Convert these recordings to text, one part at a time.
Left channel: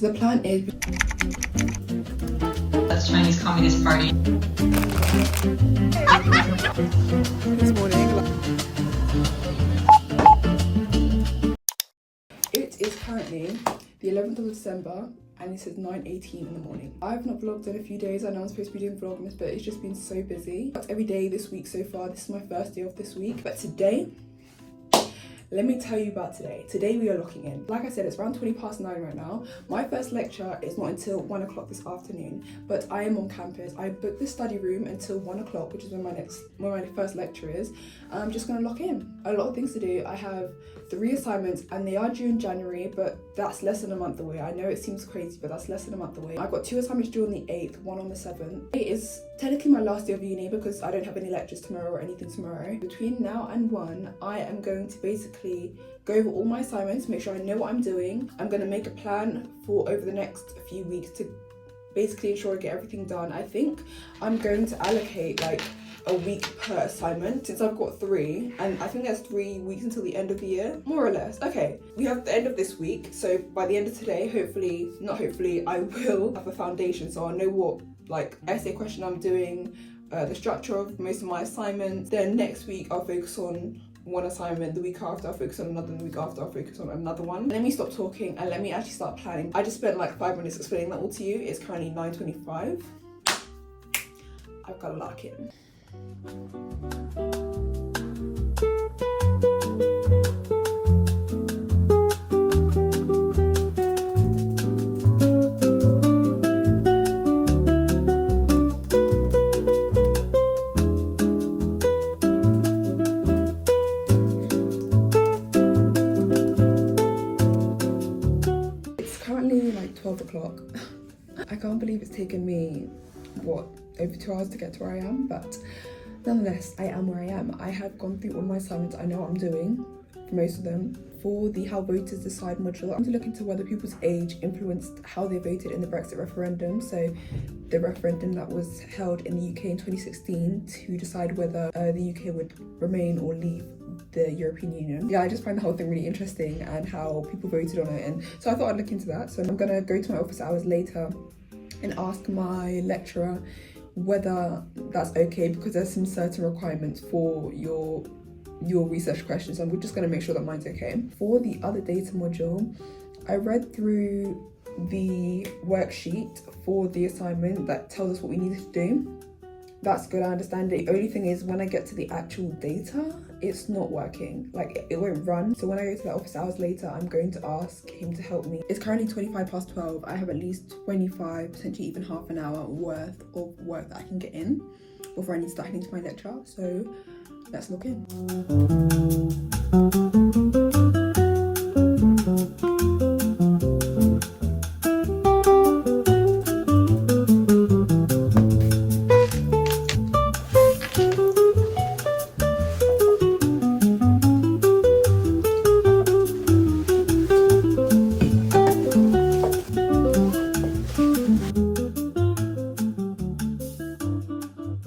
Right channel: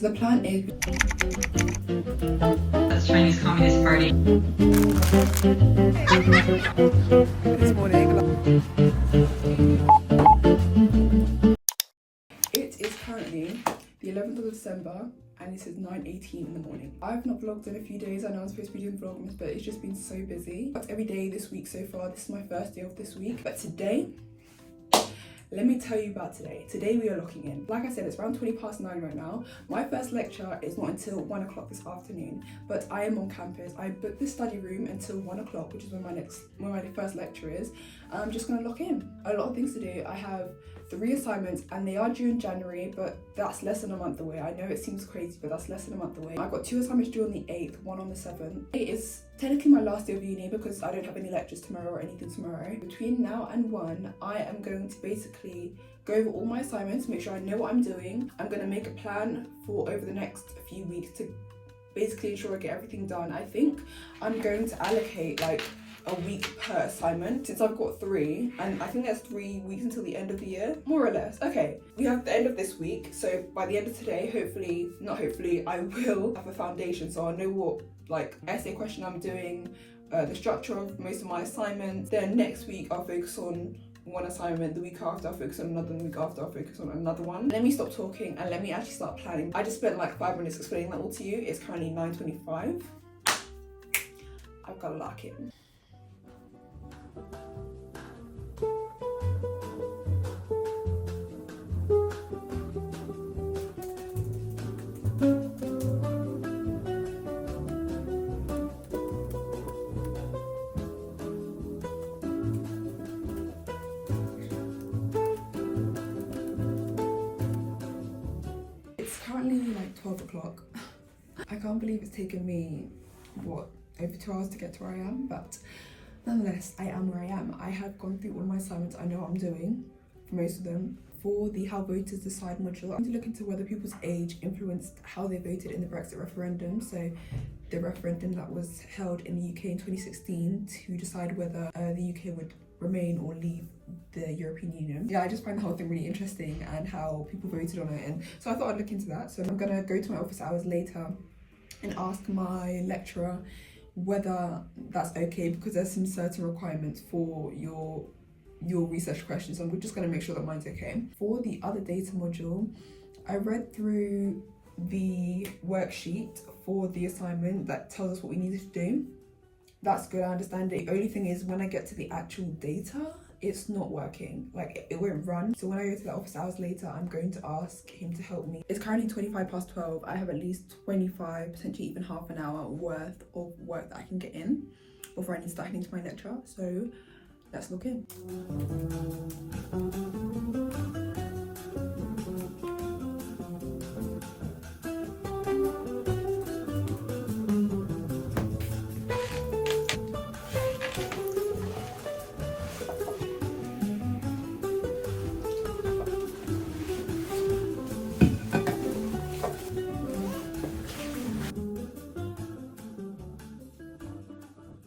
The plan is... That's Chinese Communist Party. Good morning. It is currently the 11th of December and it is 9:18 in the morning. I've not vlogged in a few days. I know I'm supposed to be doing Vlogmas, but it's just been so busy. Every day this week so far. This is my first day of this week. But today, let me tell you about today. Today we are locking in. Like I said, it's around 9:20 right now. My first lecture is not until 1 o'clock this afternoon, but I am on campus. I booked the study room until 1 o'clock, which is when my first lecture is. I'm just gonna lock in. A lot of things to do. I have 3 assignments and they are due in January, but that's less than a month away. I know it seems crazy, but that's less than a month away. I've got 2 assignments due on the 8th, 1 on the 7th. It is technically my last day of uni because I don't have any lectures tomorrow or anything tomorrow. Between now and 1, I am going to basically go over all my assignments, make sure I know what I'm doing. I'm gonna make a plan for over the next few weeks to basically ensure I get everything done. I think I'm going to allocate like a week per assignment since I've got 3, and I think there's 3 weeks until the end of the year, more or less. Okay, we have the end of this week, so by the end of today, I will have a foundation, so I'll know what like essay question I'm doing, the structure of most of my assignments. Then next week I'll focus on 1 assignment, the week after I'll focus on another, and the week after I'll focus on another one. Let me stop talking and let me actually start planning. I just spent like 5 minutes explaining that all to you. It's currently 9:25. I've got to lock in. It's currently like 12 o'clock. I can't believe it's taken me, what, over 2 hours to get to where I am, but nonetheless, I am where I am. I have gone through all my assignments. I know what I'm doing for most of them. For the How Voters Decide module, I'm to look into whether people's age influenced how they voted in the Brexit referendum. So the referendum that was held in the UK in 2016 to decide whether the UK would remain or leave the European Union. Yeah, I just find the whole thing really interesting and how people voted on it. And so I thought I'd look into that. So I'm gonna go to my office hours later and ask my lecturer whether that's okay, because there's some certain requirements for your research questions, and we're just going to make sure that mine's okay. For the other data module, I read through the worksheet for the assignment that tells us what we needed to do. That's good, I understand it. The only thing is when I get to the actual data, it's not working, like it won't run. So when I go to the office hours later, I'm going to ask him to help me. It's currently 12:25. I have at least 25, potentially even half an hour worth of work that I can get in before I need to start heading to my lecture. So let's log in.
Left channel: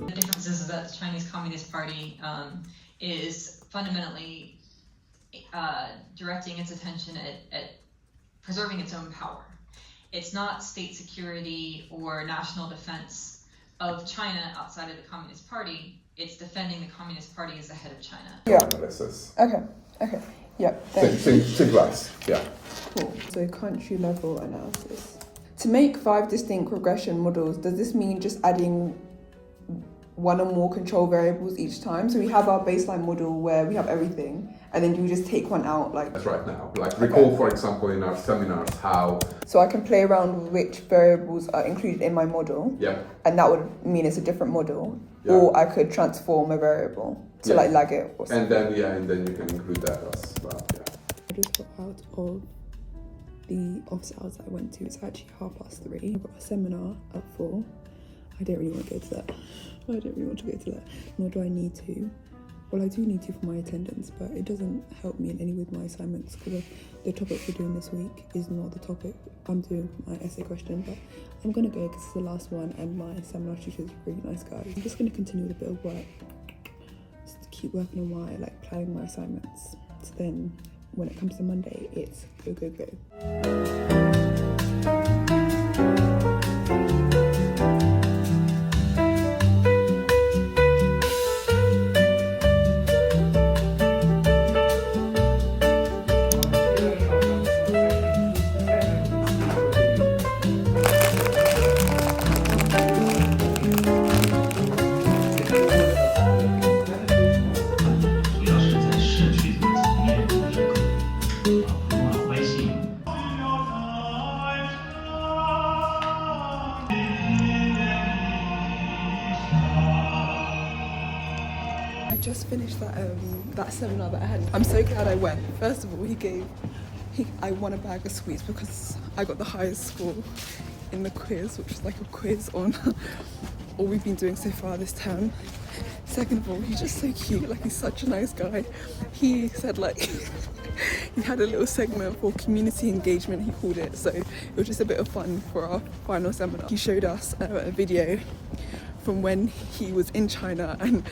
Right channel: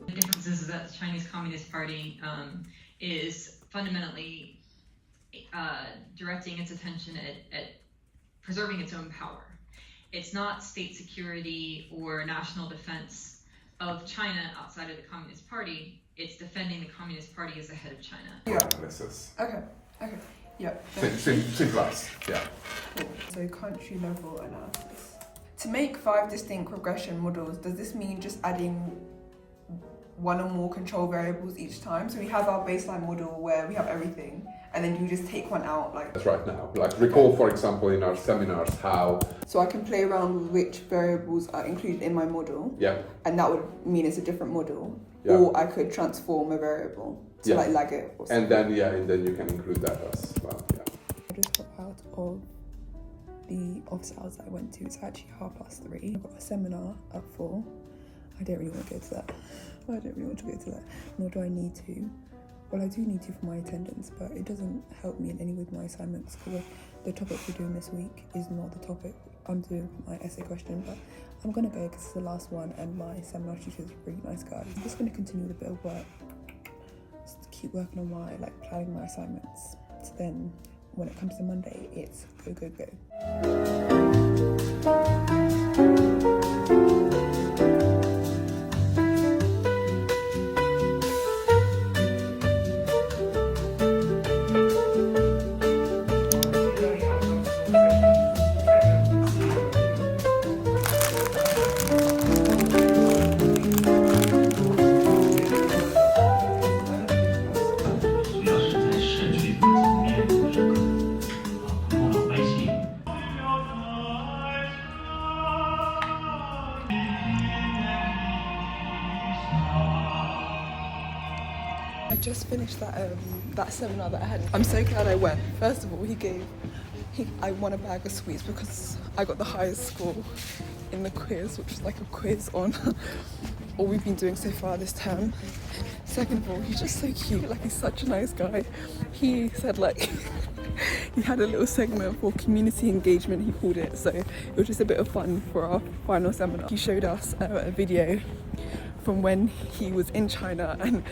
The difference is that the Chinese Communist Party is fundamentally directing its attention at preserving its own power. It's not state security or national defense of China outside of the Communist Party. It's defending the Communist Party as the head of China. Yeah. Analysis. Okay. Yeah. Same class. Yeah. Cool. So country level analysis. To make 5 distinct regression models, does this mean just adding 1 or more control variables each time? So we have our baseline model where we have everything, and then you just take one out, like... That's right now. Like recall, for example, in our seminars how... So I can play around with which variables are included in my model. Yeah. And that would mean it's a different model. Yeah. Or I could transform a variable to like lag it or something. And then you can include that as well. Yeah. I just got out of the office hours that I went to. It's actually 3:30. I've got a seminar at 4. I don't really want to go to that. Nor do I need to. Well, I do need to for my attendance, but it doesn't help me in any way with my assignments because the topic we're doing this week is not the topic I'm doing for my essay question. But I'm gonna go because it's the last one, and my seminar teacher is a really nice guy. I'm just gonna continue with a bit of work, just to keep working on my planning my assignments. So then when it comes to Monday, it's go, go, go. just finished that seminar that I had. I'm so glad I went. First of all, I won a bag of sweets because I got the highest score in the quiz, which is like a quiz on all we've been doing so far this term. Second of all, he's just so cute, like he's such a nice guy. He said like he had a little segment for community engagement, he called it, so it was just a bit of fun for our final seminar. He showed us a video from when he was in China and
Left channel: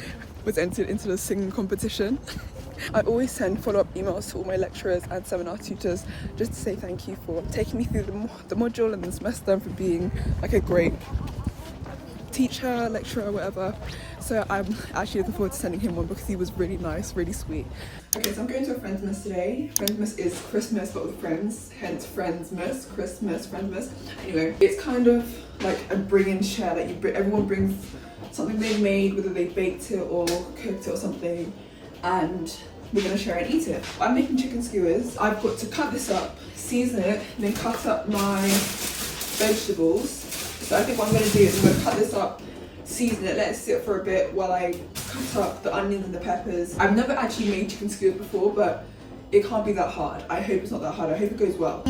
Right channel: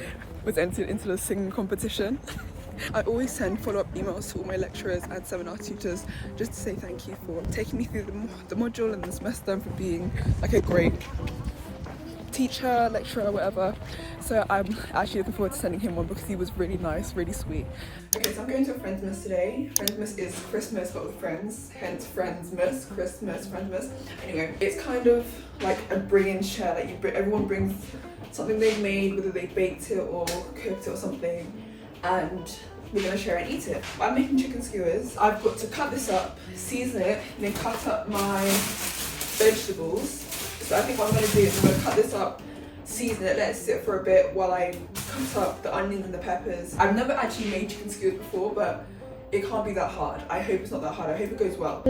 was entered into the singing competition. I always send follow-up emails to all my lecturers and seminar tutors just to say thank you for taking me through the module and the semester and for being like a great teacher, lecturer, whatever. So I'm actually looking forward to sending him one because he was really nice, really sweet. Okay, so I'm going to a Friendsmas today. Friendsmas is Christmas but with friends, hence Friendsmas, Christmas, Friendsmas. Anyway, it's kind of like a bring and share, like everyone brings something they made, whether they baked it or cooked it or something, and we're gonna share and eat it. I'm making chicken skewers. I've got to cut this up, season it, and then cut up my vegetables. So I think what I'm gonna do is I'm gonna cut this up, season it, let it sit for a bit while I cut up the onions and the peppers. I've never actually made chicken skewers before, but it can't be that hard. I hope it's not that hard. I hope it goes well.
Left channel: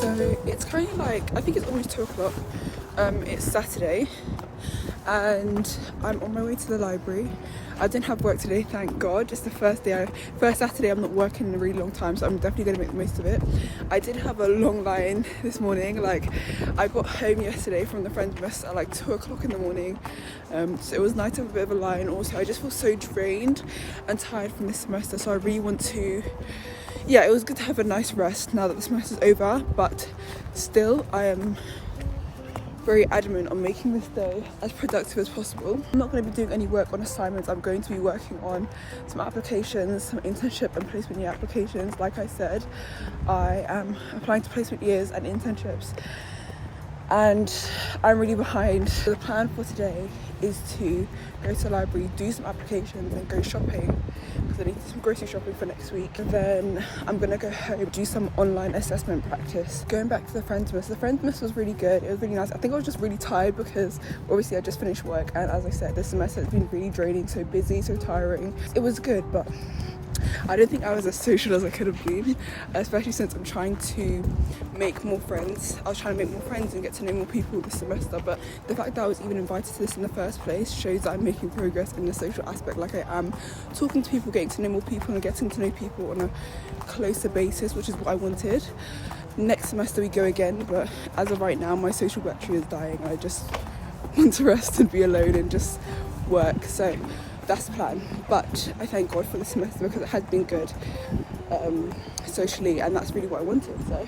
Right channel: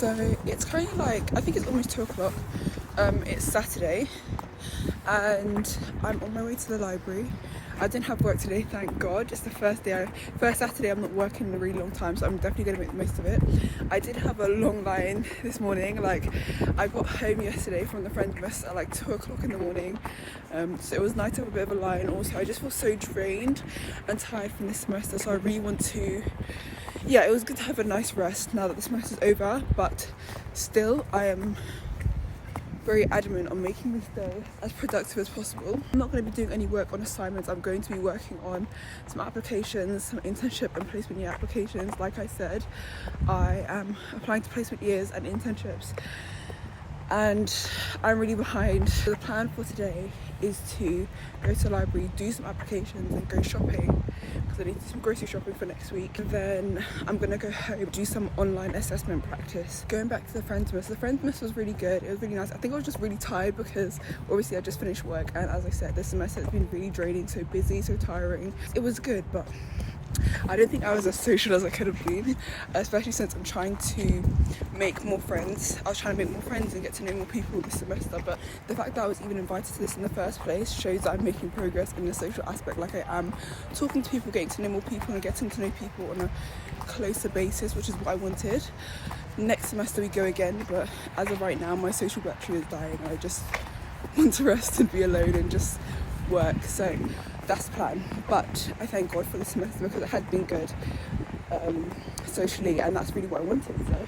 So it's kind of like, I think it's almost 2 o'clock. It's Saturday and I'm on my way to the library. I didn't have work today, thank God. It's the first Saturday I'm not working in a really long time, so I'm definitely going to make the most of it. I did have a long line this morning. Like, I got home yesterday from the Friendsmas at like 2 o'clock in the morning. So it was nice to have a bit of a line. Also, I just feel so drained and tired from this semester, so I really want to, yeah, it was good to have a nice rest now that the semester's over, but still I am very adamant on making this day as productive as possible. I'm not going to be doing any work on assignments. I'm going to be working on some applications, some internship and placement year applications. Like I said, I am applying to placement years and internships and I'm really behind. So the plan for today is to go to the library, do some applications and go shopping because I need to do some grocery shopping for next week. And then I'm gonna go home, do some online assessment practice. Going back to the Friendsmas was really good. It was really nice. I think I was just really tired because obviously I just finished work and as I said, this semester has been really draining, so busy, so tiring. It was good, but I don't think I was as social as I could have been, especially since I'm trying to make more friends. I was trying to make more friends and get to know more people this semester, but the fact that I was even invited to this in the first place shows that I'm making progress in the social aspect. Like, I am talking to people, getting to know more people and getting to know people on a closer basis, which is what I wanted. Next semester we go again, but as of right now my social battery is dying. I just want to rest and be alone and just work. So that's the plan, but I thank God for the semester because it has been good socially, and that's really what I wanted. So